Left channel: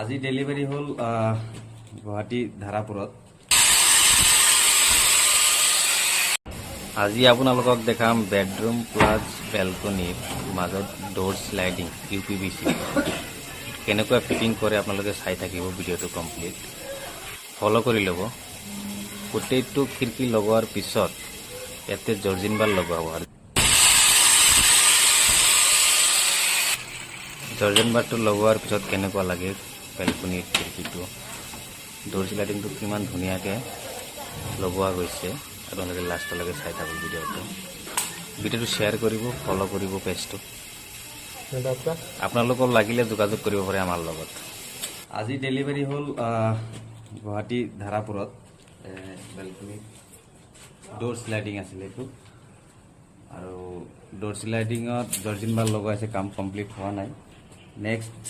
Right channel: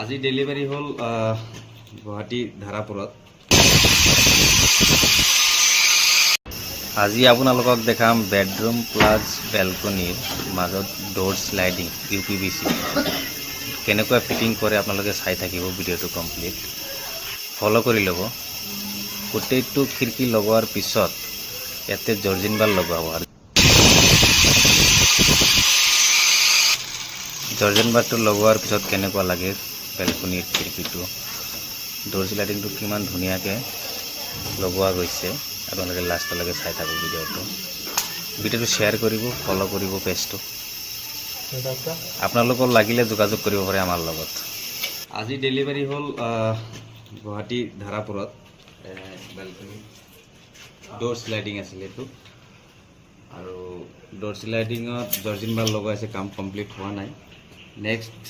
আজি ডেলিভাৰী হ'ল গুৱাহাটী ধাৰাপুৰত। আজি আপোনালোকক দেখাম বেডৰুম প্লাছ বেলকনিৰ মাজত ডোৰ স্লাইডিং UPVC কেনেকৈ ফিটিং কৰে আপোনালোকে চাই থাকিব ভিডিঅ'টো কমপ্লিট ফলো কৰি ল'ব। গোটেইটো খিৰিকী লগোৱাৰ পিছত ইয়াতে জৰ্জিন বাৰ লগাব আৰু জৰ্জিন বাৰটো লগোৱাৰ পিছত কেনেকুৱা লাগে বেলকনিৰ খিৰিকীটো ডোৰ স্লাইডিংটো কিমান ধুনীয়াকৈ লগোৱা গৈছে। আপোনালোকে লাষ্টলৈকে চাই থাকক ভিডিঅ'টো শ্বেয়াৰ কৰিব ফলো কৰিব পেজটো। আপোনালোকৰ লাগিলে যোগাযোগ কৰিব পাৰে আমাৰ লগত। আজি ডেলিভাৰী হ'ল গুৱাহাটী ধাৰাপুৰত বেলকনি ডোৰ স্লাইডিং আছিলে এইটো আৰু ডোৰ স্লাইডিঙত জৰ্জিন বাৰ লগোৱা আছে, কাম কমপ্লিট হোৱা নাই। নেক্সট